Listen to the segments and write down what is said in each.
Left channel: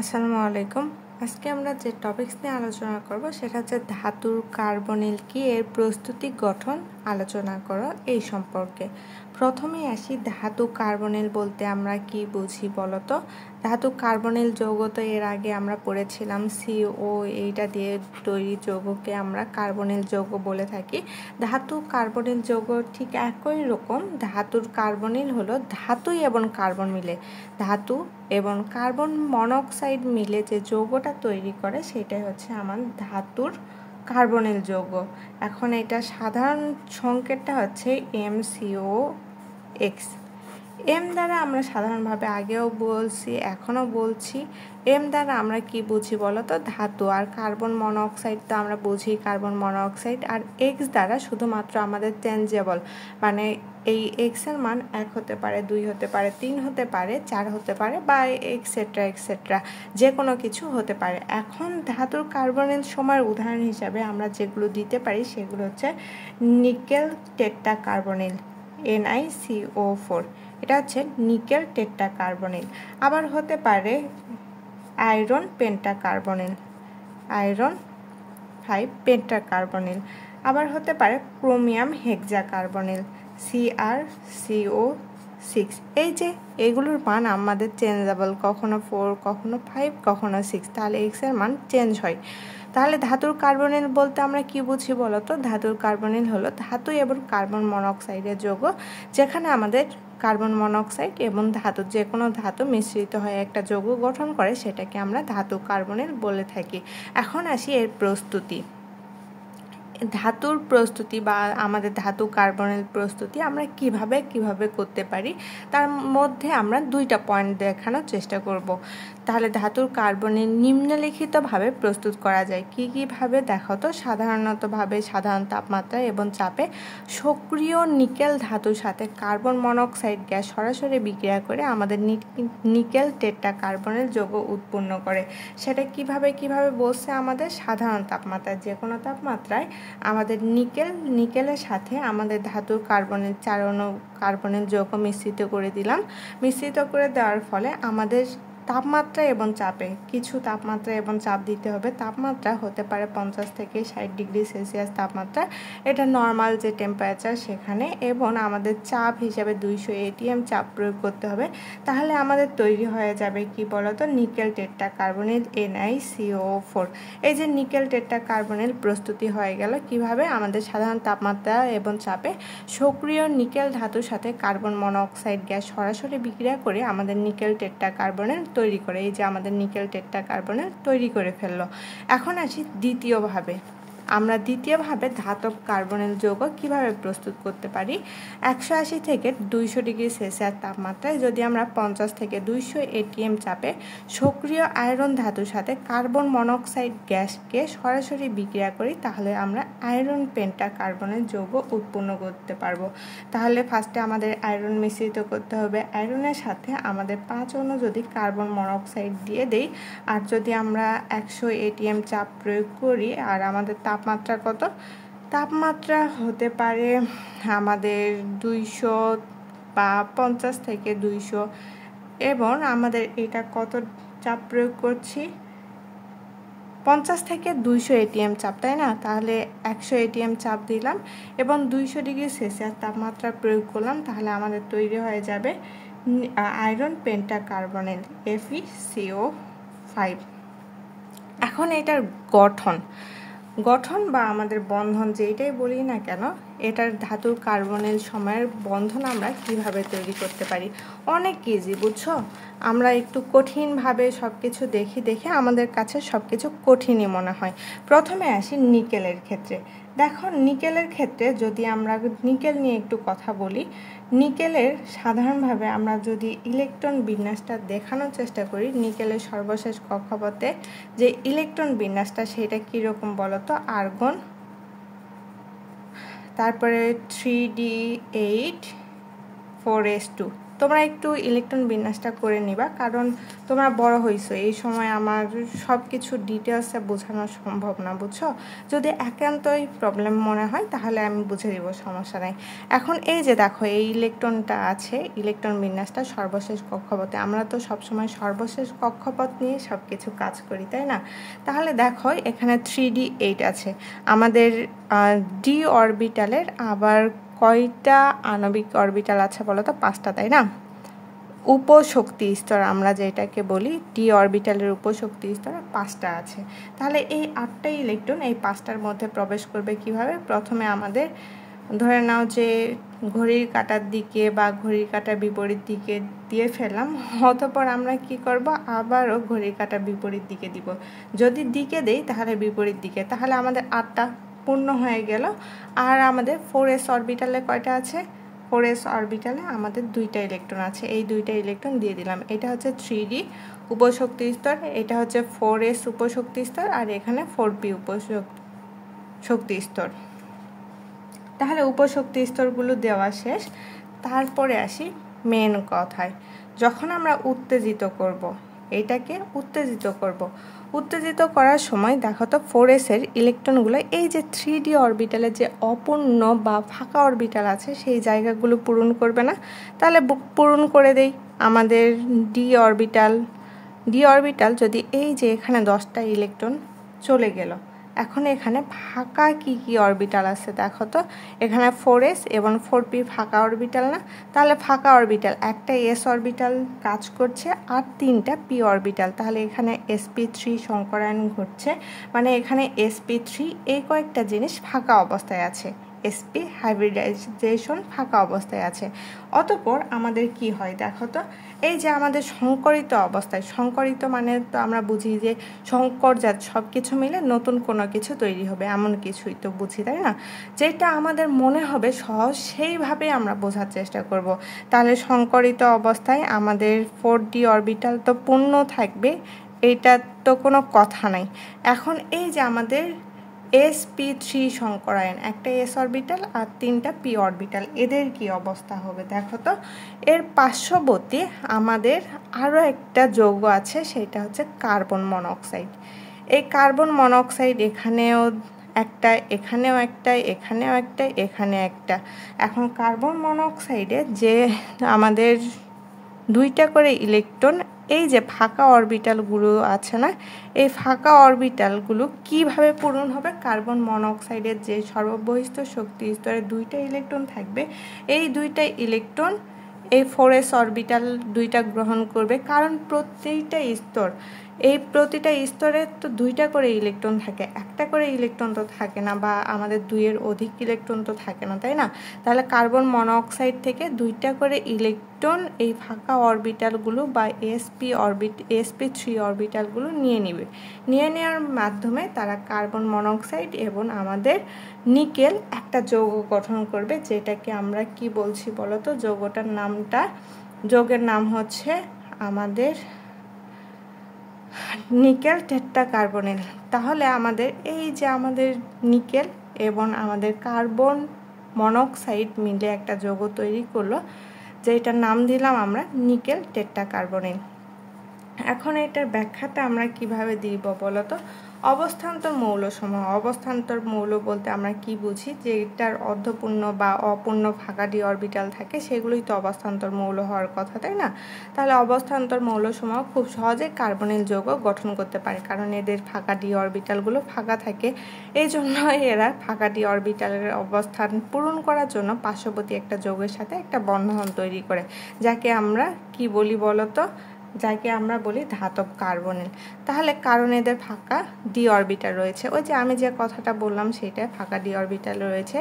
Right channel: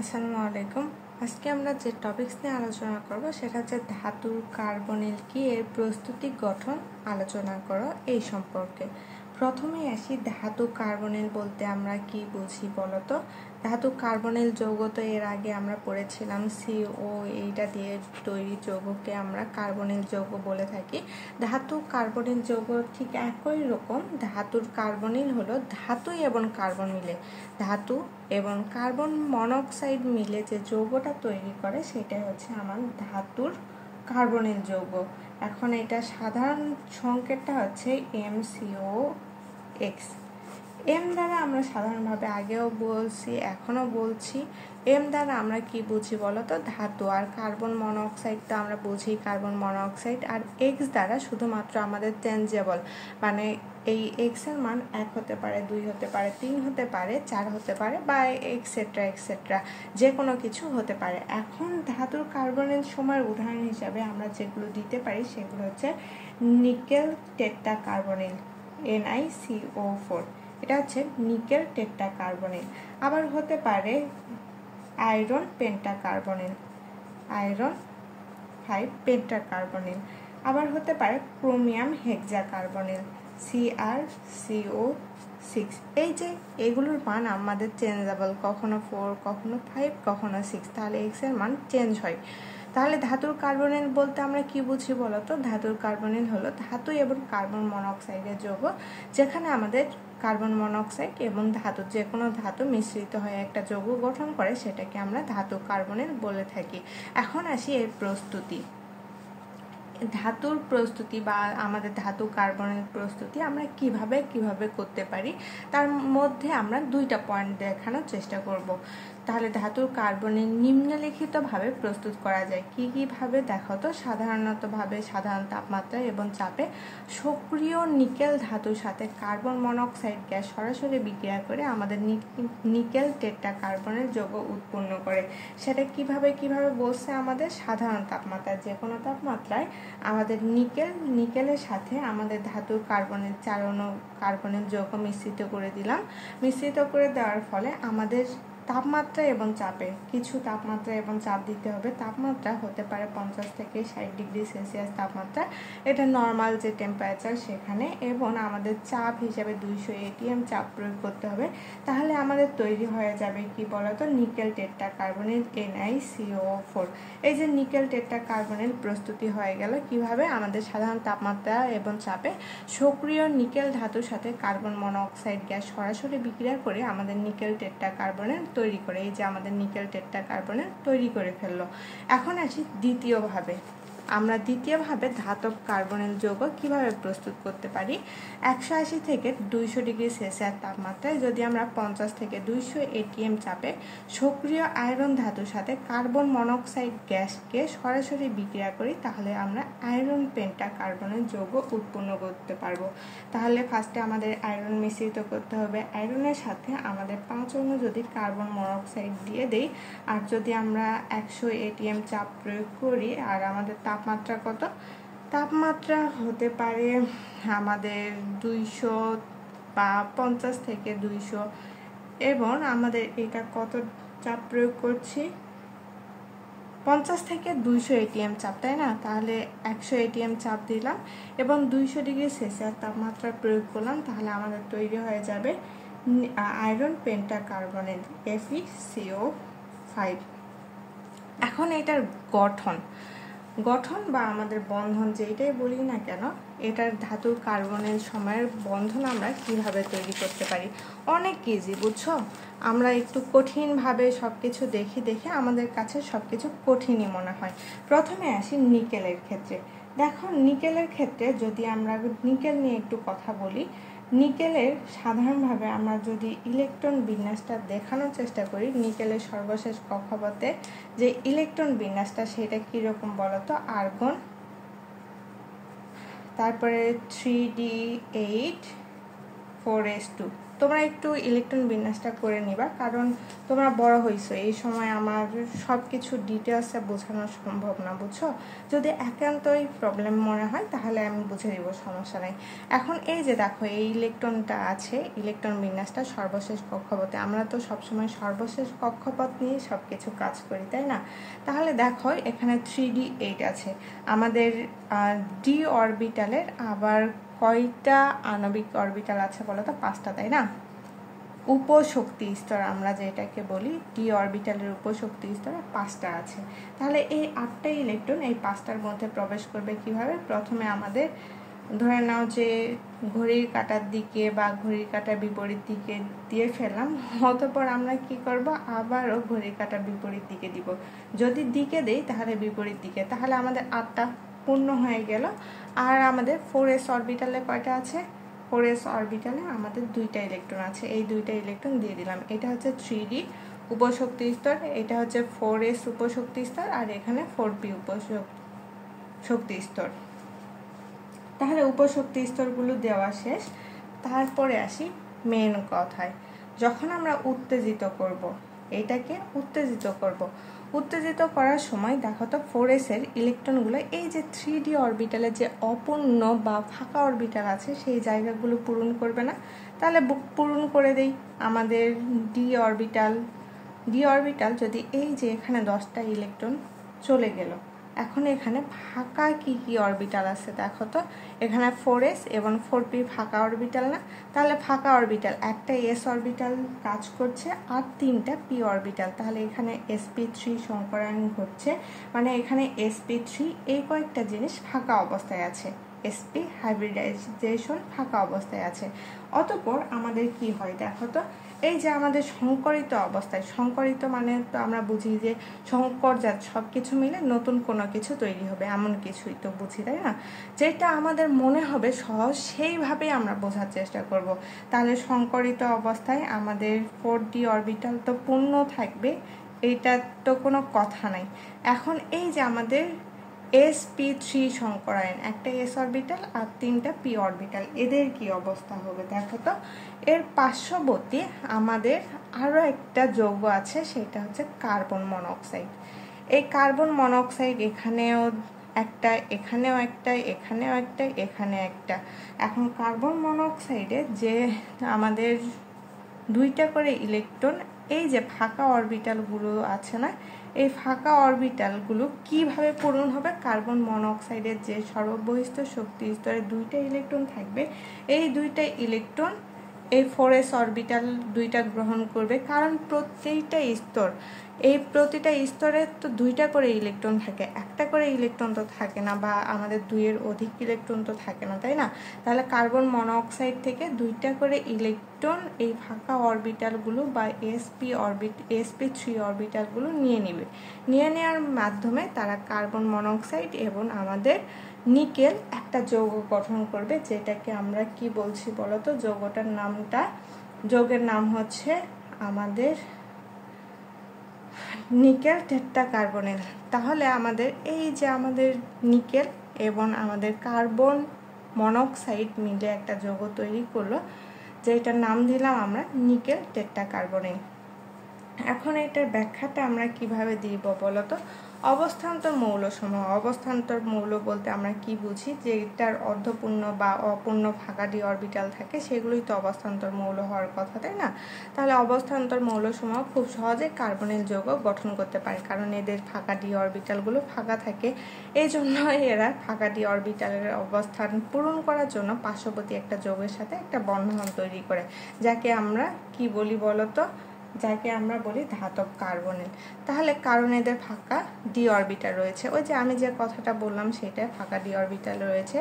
আসসালামু আলাইকুম। আজকে আমরা যে টপিকস নিয়ে আলোচনা করব সেটা হচ্ছে ধাতুর কার্বনিল কি এর প্রস্তুতি গঠন আলোচনা করা এই সম্পর্কে। প্রথমেই আসি ধাতু কার্বনিল বলতে আমরা কি বুঝি বলতো। ধাতু কার্বনিল যৌগ তো এর আগে আমরা পড়েছিলাম CO এইটা দিয়ে তৈরি যৌগকে আমরা কার্বনিল যৌগ বলে থাকি। ধাতু কার্বনিল যৌগ ঠিক একই রকম। ধাতুর কার্বনিল হলো ধাতুই এবং কার্বন মিলে ধাতু এবং কার্বন মনোক্সাইড মিলে যে যৌগটা তৈরি করে সেটাই হচ্ছে আমার ধাতুর কার্বনিল যৌগ। এখন এটা সাধারণ সংকেতটা হচ্ছে MCOX। এম দ্বারা আমরা সাধারণভাবে আগেও বলছি এখনও বলছি, এম দ্বারা আমরা কি বুঝি বলতো ধাতু, আর কার্বন মনোক্সাইড তো আমরা বুঝি কার্বন মনোক্সাইড। আর এক্স দ্বারা শুধুমাত্র আমাদের চেঞ্জেবল, মানে এই এক্স এর মান 1 হতে পারে, 2 হতে পারে, 3 হতে পারে, 4 হতে পারে বা এক্সেট্রা এক্সেট্রা যে কোনো কিছু হতে পারে। এখন ধাতুর কার্বনের সময়ের উদাহরণ হিসাবে আমরা যেগুলো দিতে পারি সেগুলো হচ্ছে নিকেল টেট্রা কার্বনিল NiCO4, এটা হচ্ছে নিকেল টেট্রা কার্বনিল। আবার হতে পারে iron penta carbonyl iron 5 penta carbonyl. আবার হতে পারে ক্রোমিয়াম হেক্সা কার্বনিল CrCO6। এই যে এগুলোর মান আমাদের চেঞ্জেবল, কখনো 4, কখনো 5, কখনো 6, তাহলে এক্স এর মান চেঞ্জ হয়। তাহলে ধাতুর কার্বনিল বলতে আমরা কি বুঝি বলতো। ধাতুর কার্বনিল হলো ধাতু এবং কার্বন মনোক্সাইডের যৌগ, যেখানে আমাদের কার্বন মনোক্সাইড এবং ধাতু যে কোনো ধাতু মিশ্রিত হয়ে একটা যৌগ গঠন করে, সেটাকে আমরা ধাতু কার্বনিল বলে থাকি। এখন আসি এর প্রস্তুতি। ধাতুর প্রস্তুতি বা আমাদের ধাতু কার্বনিল প্রস্তুতি আমরা কিভাবে করতে পারি তার মধ্যে আমরা 2টা পয়েন্ট দেখানোর চেষ্টা করব। তাহলে ধাতুর কার্বনিল নিম্নলিখিতভাবে প্রস্তুত করা যায়। কিভাবে দেখো তো। সাধারণতভাবে সাধারণ তাপমাত্রা এবং চাপে সক্রিয় নিকেল ধাতুর সাথে কার্বন মনোক্সাইড গ্যাস সরাসরি বিক্রিয়া করে আমাদের নিকেল টেট্রা কার্বনিল যৌগ উৎপন্ন করে। সেটা কিভাবে বলছে আমাদের সাধারণ তাপমাত্রায়, যে কোনো তাপমাত্রায় আমাদের নিকেলের সাথে আমাদের ধাতুর কার্বনের 4 অণু কার্বনিল যৌগ মিশ্রিত করে দিলাম। মিশ্রিত করে দেওয়ার ফলে আমাদের তাপমাত্রা এবং চাপে কিছু তাপমাত্রা এবং চাপ দিতে হবে। তাপমাত্রা হতে পারে 50 থেকে 60 ডিগ্রি সেলসিয়াস তাপমাত্রা, এটা নর্মাল যে টেম্পারেচার সেখানে, এবং আমাদের চাপ হিসাবে 200 ATM চাপ প্রয়োগ করতে হবে। তাহলে আমাদের তৈরি হয়ে যাবে কি বলতো নিকেল টেট্রা কার্বনিল NiCO4। এই যে নিকেল টেট্রা কার্বনিল প্রস্তুতি হয়ে গেল কিভাবে, আমাদের সাধারণ তাপমাত্রা এবং চাপে সক্রিয় নিকেল ধাতুর সাথে কার্বন মনোক্সাইড গ্যাস সরাসরি বিক্রিয়া করে আমাদের নিকেল টেট্রা কার্বনিল তৈরি করে। এই যে আমাদের নিকেল টেট্রা কার্বনিল তৈরি করে ফেললো। এখন আসি দ্বিতীয়ভাবে। আমরা দ্বিতীয়ভাবে ধাতব কার্বনিল যৌগ কিভাবে প্রস্তুত করতে পারি। 180 থেকে 200 ডিগ্রি সেলসিয়াস তাপমাত্রায় যদি আমরা 50 থেকে 200 ATM চাপে সক্রিয় আয়রন ধাতুর সাথে কার্বন মনোক্সাইড গ্যাসকে সরাসরি বিক্রিয়া করি, তাহলে আমরা আয়রন পেন্টা কার্বনিল যৌগ উৎপন্ন করতে পারবো। তাহলে ফার্স্টে আমাদের আয়রন মিশ্রিত করতে হবে। আয়রনের সাথে আমাদের 5 অণু যদি কার্বন মনোক্সাইড দিয়ে দেই, আর যদি আমরা 100 ATM চাপ প্রয়োগ করি, আর আমাদের তাপমাত্রা কত, তাপমাত্রা হতে পারে আমাদের 200 বা 50 থেকে 200, এবং আমাদের এটা কত চাপ প্রয়োগ করছি 50 থেকে 200 ATM চাপ, তাই না। তাহলে 100 ATM চাপ দিলাম এবং 200 ডিগ্রি সেলসিয়াস তাপমাত্রা প্রয়োগ করলাম, তাহলে আমাদের তৈরি হয়ে যাবে আয়রন পেন্টা কার্বনিল FeCO5। এখন এটার গঠন বা আমাদের বন্ধন যেটাই বলি না কেন, এটার ধাতুর কার্বনিল সময়ের বন্ধন আমরা কিভাবে তৈরি করতে পারি। অনেক ইজি, বুঝছো। আমরা একটু কঠিনভাবে সব কিছু দেখে আমাদের কাছে সব কিছু কঠিনই মনে হয়। প্রথমে আসি নিকেলের ক্ষেত্রে। দেখো নিকেলের ক্ষেত্রে যদি আমরা নিকেল নিয়ে একটু কথা বলি, নিকেলের সাধারণভাবে আমরা যদি ইলেকট্রন বিন্যাসটা দেখানোর চেষ্টা করি, নিকেলের সর্বশেষ কক্ষপথে যে ইলেকট্রন বিন্যাসটা সেটা কীরকম বলতো, আর্গন, তারপরে 3d8 4s2, তোমরা একটু ইলেকট্রন বিন্যাসটা করে নিবা, কারণ তোমরা বড় হইছো, এই সময় আমার সব কিছু ডিটেলসে বোঝানো সম্ভব না, বুঝছো। যদি একান্তই প্রবলেম মনে হয় তাহলে আমি বুঝে দিব, সমস্যা নাই। এখন এই যে দেখো এই ইলেকট্রনটা আছে, ইলেকট্রন বিন্যাসটা সর্বশেষ কক্ষপথে। আমরা তো সবসময় সর্বশেষ কক্ষপথ নিয়ে সব কিছু কাজ করি, তাই না? তাহলে দেখো এখানে 3d8 আছে আমাদের ডি অরবিটালের। আবার কয়টা আণবিক অরবিটাল আছে বলো তো? 5টা, তাই না? উপশক্তি স্তর আমরা যেটাকে বলি, ডি অরবিটালের উপশক্তি স্তর 5টা আছে। তাহলে এই 8টা ইলেকট্রন এই 5টার মধ্যে প্রবেশ করবে কিভাবে? প্রথমে আমাদের ধরে নাও যে ঘড়ির কাঁটার দিকে বা ঘড়ির কাঁটার বিপরীত দিকে দিয়ে ফেললাম, অতঃপর আমরা কি করব? আবারও ঘড়ির কাঁটার বিপরীত দিকে দিব। যদি দিকে দেই তাহলে বিপরীত দিকে, তাহলে আমাদের 8টা পূর্ণ হয়ে গেল। আর আমাদের 4s অরবিটালে কয়টা আছে? 4s অরবিটালে আমাদের 2টা ইলেকট্রন আছে, এই 2টা ইলেকট্রন দিয়ে দিলাম। এটা হচ্ছে 3d উপশক্তি স্তর, এটা হচ্ছে 4s উপশক্তি স্তর, আর এখানে 4p উপশক্তি স্তর। তাহলে উপশক্তি স্তরগুলো দেওয়া শেষ। তারপরে আসি মেন কথায়। যখন আমরা উত্তেজিত করব, এটাকে উত্তেজিত করব, উত্তেজিত করার সময় দেখো তো 4s এর ইলেকট্রনগুলো এই যে 3d অরবিটালে যে অপূর্ণ বা ফাঁকা অরবিটাল আছে সেই জায়গাগুলো পূরণ করবে না? তাহলে পূরণ করে দেই। আমাদের ডি অরবিটাল যদি এই যে এখানে 10টা ইলেকট্রন চলে গেল, এখন এখানে ফাঁকা কি কি অরবিটাল আছে দেখো তো? এখানে 4s এবং 4p ফাঁকা অরবিটাল না? তাহলে ফাঁকা অরবিটাল একটা s অরবিটাল কাজ করছে আর 3টা p অরবিটাল। তাহলে এখানে sp3 সংকরায়ন ঘটছে, মানে এখানে sp3 এই কয়েকটা জিনিস ফাঁকা অবস্থায় আছে, sp হাইব্রিডাইজেশন ফাঁকা অবস্থায় আছে। অতঃপর আমাদের কি হয় দেখো তো? এই যে আমাদের সংকরিত অবস্থায়, সংকরিত মানে তো আমরা বুঝি যে সংকরজাত সব কিছু মিলে নতুন কোনো কিছু তৈরি হবে, এমন কিছুই তো বুঝি, তাই না? যেটা আমাদের মনে হবে সহজ সেইভাবে আমরা বোঝার চেষ্টা করব। তাহলে সংকরিত অবস্থায় আমাদের 4d অরবিটাল তো পূর্ণ থাকবে, এটা তো কোনো কথা নাই। এখন এই যে আমাদের sp3 সংকরায়ন, একটা s অরবিটাল আর 3টা p অরবিটাল, এদের কি অবস্থা হবে দেখো তো? এর পার্শ্ববর্তী আমাদের আরও একটা যৌগ আছে, সেটা হচ্ছে কার্বন মনোক্সাইড। এই কার্বন মনোক্সাইড এখানেও একটা, এখানেও একটা, এখানেও একটা, এখানে একটা। এখন কার্বন মনোক্সাইডে যে আমাদের 2টা করে ইলেকট্রন এই যে ফাঁকা অরবিটালগুলো আছে না, এই ফাঁকা অরবিটালগুলো কিভাবে পূরণ হবে? কার্বন মনোক্সাইডের যে সর্ববহিষ্ঠ শক্তি স্তরে 2টা ইলেকট্রন থাকবে, এই 2টা ইলেকট্রন এই 4s অরবিটাল 2টা গ্রহণ করবে, কারণ প্রতিটা স্তরে তো 2টা করে ইলেকট্রন থাকে, একটা করে ইলেকট্রন তো থাকে না, বা আমাদের 2-এর অধিক ইলেকট্রন তো থাকে না, তাই না? তাহলে কার্বন মনোক্সাইড থেকে 2টা করে ইলেকট্রন এই ফাঁকা অরবিটালগুলো বা sp3 অরবিটালগুলো নিয়ে নেবে। নিয়ে নেওয়ার মাধ্যমে তারা কার্বন মনোক্সাইড এবং আমাদের নিকেল একটা যৌগ গঠন করবে, যেটাকে আমরা কি বলছি বলো তো? যৌগের নাম হচ্ছে আমাদের নিকেল টেট্রাকার্বনেল। তাহলে আমাদের এই যে আমাদের নিকেল এবং আমাদের কার্বন মনোক্সাইড মিলে একটা যৌগ তৈরি করলো, যেটার নাম দিলাম আমরা নিকেল টেট্রাকার্বনেল। এখন এটার ব্যাখ্যাটা আমরা কিভাবে দিব বলো তো? অবস্থান্তর মৌলসমূহ। অবস্থান্তর মৌল বলতে আমরা কি বুঝি? যে এটার অর্ধপূর্ণ বা অপূর্ণ ফাঁকা ডি অরবিটাল থাকে, সেগুলোই তো অবস্থান্তর মৌল হওয়ার কথা, তাই না? তাহলে অবস্থান্তর মৌলসমূহ খুব সহজে কার্বনিল যৌগ গঠন করতে পারে, কারণ এদের ফাঁকা ডি অরবিটালগুলো ফাঁকা থাকে। এই জন্য এরা ফাঁকা ডি অরবিটালের অবস্থান পূরণ করার জন্য পার্শ্ববর্তী একটা যৌগের সাথে একটা বন্ধন তৈরি করে, যাকে আমরা কি বলি বলো তো? যাকে আমরা বলি ধাতব কার্বনিল। তাহলে কারণ এদের ফাঁকা ডি অরবিটাল রয়েছে, ওই যে আমি যে কথাটা বললাম সেটা, ফাঁকা ডি অরবিটাল রয়েছে,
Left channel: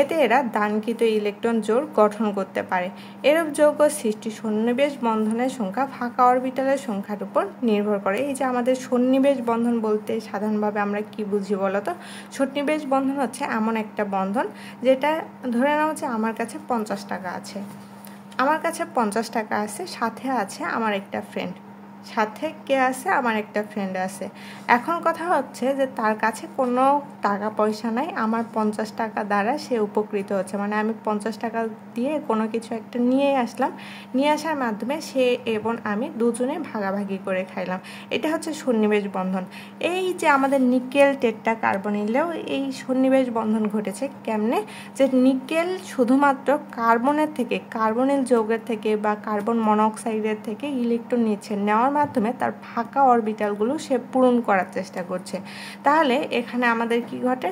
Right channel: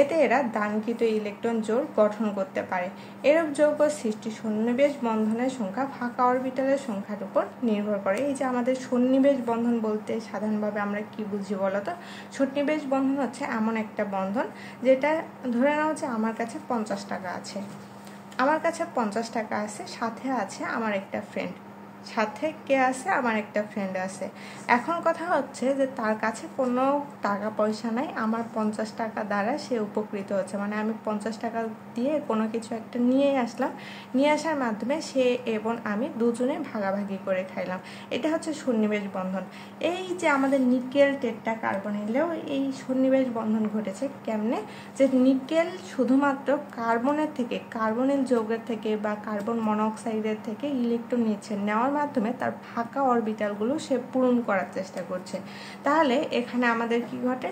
এতে এরা দানকৃত ইলেকট্রন জোড় গঠন করতে পারে। এরূপ যৌগ সৃষ্টি সন্নিবেশ বন্ধনের সংখ্যা ফাঁকা অরবিটালের সংখ্যার উপর নির্ভর করে। এই যে আমাদের সন্নিবেশ বন্ধন বলতে সাধারণভাবে আমরা কি বুঝি বলতো? সন্নিবেশ বন্ধন হচ্ছে এমন একটা বন্ধন যেটা ধরে নাও যে আমার কাছে 50 টাকা আছে, আমার কাছে 50 টাকা আছে, সাথে আছে আমার একটা ফ্রেন্ড, সাথে কে আছে, আমার একটা ফ্রেন্ড আছে। এখন কথা হচ্ছে যে তার কাছে কোনো টাকা পয়সা নাই, আমার 50 টাকা দ্বারা সে উপকৃত হচ্ছে, মানে আমি 50 টাকা দিয়ে কোনো কিছু একটা নিয়ে আসলাম, নিয়ে আসার মাধ্যমে সে এবং আমি দুজনে ভাগাভাগি করে খাইলাম। এটা হচ্ছে সন্নিবেশ বন্ধন। এই যে আমাদের নিকেল টেট্রা কার্বনিলেও এই সন্নিবেশ বন্ধন ঘটেছে কেমনে, যে নিকেল শুধুমাত্র কার্বনের থেকে, কার্বনিল যৌগের থেকে বা কার্বন মনোক্সাইডের থেকে ইলেকট্রন নিচ্ছে, নেওয়ার মাধ্যমে তার ফাঁকা অরবিটালগুলো সে পূরণ করার চেষ্টা করছে। তাহলে এখানে আমাদের কি ঘটে,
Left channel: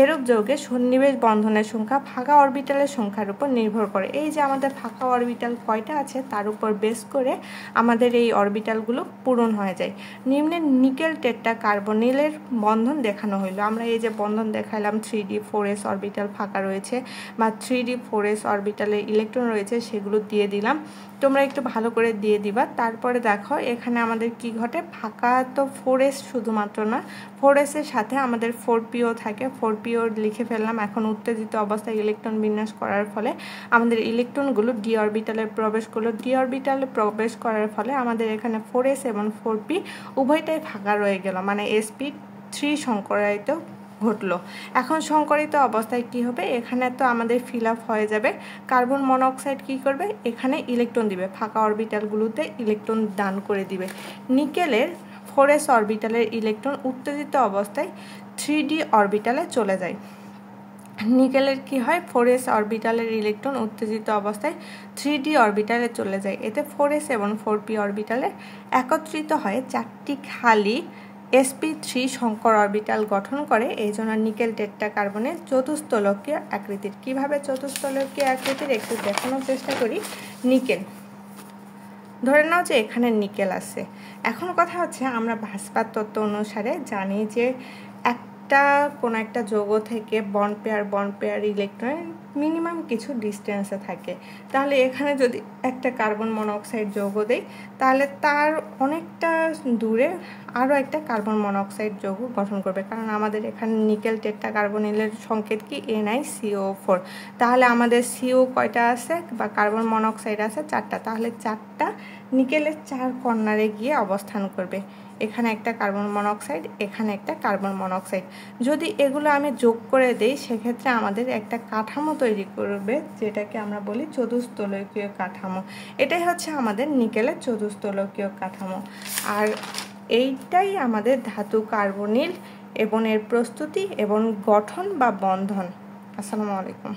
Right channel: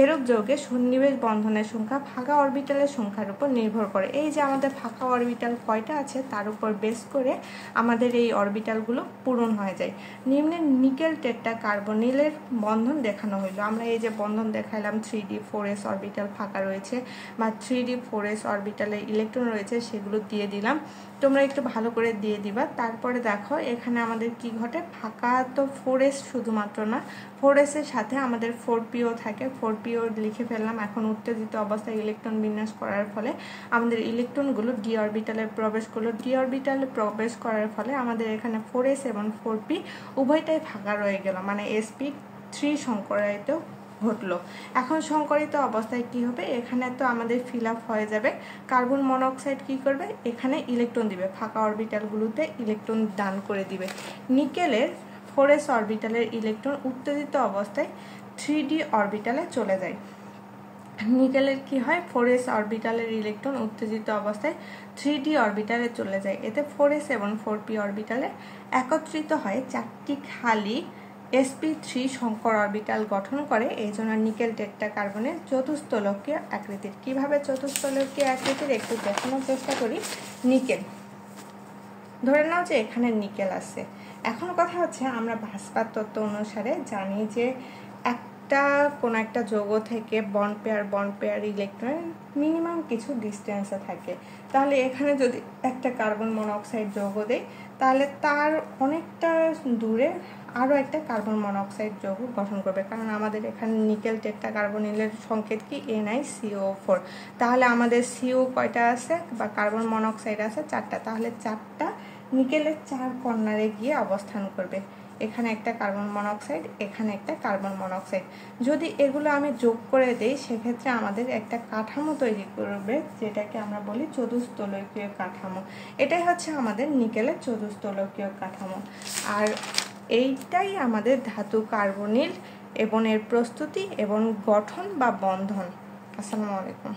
এরূপ যৌগে সন্নিবেশ বন্ধনের সংখ্যা ফাঁকা অরবিটালের সংখ্যার উপর নির্ভর করে। এই যে আমাদের ফাঁকা অরবিটাল কয়টা আছে তার উপর বেস করে আমাদের এই অরবিটালগুলো পূরণ হয়ে যায়। নিম্নে নিকেল টেট্রা কার্বনিলের বন্ধন দেখানো হইলো। আমরা এই যে বন্ধন দেখাইলাম 3d 4s অরবিটাল ফাঁকা রয়েছে বা 3d 4s অরবিটালে ইলেকট্রন রয়েছে, সেগুলো দিয়ে দিলাম। তোমরা একটু ভালো করে দিয়ে দিবা। তারপরে দেখো এখানে আমাদের কি ঘটে, ফাঁকা তো 4s শুধুমাত্র না, 4s এর সাথে আমাদের 4p থাকে, 4p লিখে ফেললাম। এখন উত্তেজিত অবস্থায় ইলেকট্রন বিন্যাস করার ফলে আমাদের ইলেকট্রনগুলো ডি অরবিটালে প্রবেশ করলো, ডি অরবিটালে প্রবেশ করার ফলে আমাদের এখানে 4s এবং 4p উভয়টাই ফাঁকা রয়ে গেল, মানে sp3 সংকরায়িত ঘটলো। এখন সংকরিত অবস্থায় কি হবে, এখানে তো আমাদের ফিল আপ হয়ে যাবে। কার্বন মনোক্সাইড কি করবে, এখানে ইলেকট্রন দিবে, ফাঁকা অরবিটালগুলোতে ইলেকট্রন দান করে দিবে। নিকেলের 4s অরবিটালের ইলেকট্রন উত্তেজিত অবস্থায় 3d অরবিটালে চলে যায়। নিকেলের কি হয়, 4s অরবিটালের ইলেকট্রন উত্তেজিত অবস্থায় 3d অরবিটালে চলে যায়। এতে 4s এবং 4p অরবিটালে একত্রিত হয়ে 4টি খালি sp3 সংকর অরবিটাল গঠন করে। এই জন্য নিকেল টেট্রা কার্বনের চতুস্তলকীয় আকৃতির। কিভাবে চতুস্তলকীয় আকৃতির একটু দেখানোর চেষ্টা করি। নিকেল, ধরে নাও যে এখানে নিকেল আছে। এখন কথা হচ্ছে আমরা ভাস্কার তত্ত্ব অনুসারে জানি যে কোন একটা যৌগ থেকে বন্ড পেয়ার ইলেকট্রন মিনিমাম কিছু ডিস্টেন্সে থাকে। তাহলে এখানে যদি একটা কার্বন মনোক্সাইড যৌগ দেই, তাহলে তার অনেকটা দূরে আরও একটা কার্বন মনোক্সাইড যৌগ গঠন করবে, কারণ আমাদের এখানে নিকেল টেট্রা কার্বনিলের সংকেত কি NiCO4। তাহলে আমাদের CO কয়টা আছে বা কার্বন মনোক্সাইড আছে 4টা, তাহলে 4টা নিকেলের 4 কর্নারে গিয়ে অবস্থান করবে। এখানে একটা কার্বন মনোক্সাইড, এখানে একটা কার্বন মনোক্সাইড। যদি এগুলো আমি যোগ করে দেই, সেক্ষেত্রে আমাদের একটা কাঠামো তৈরি করবে, যেটাকে আমরা বলি চতুস্তলকীয় কাঠামো। এটাই হচ্ছে আমাদের নিকেলের চতুস্তলকীয় কাঠামো। আর এইটাই আমাদের ধাতু কার্বনিল এবং এর প্রস্তুতি এবং গঠন বা বন্ধন। আসসালামু আলাইকুম।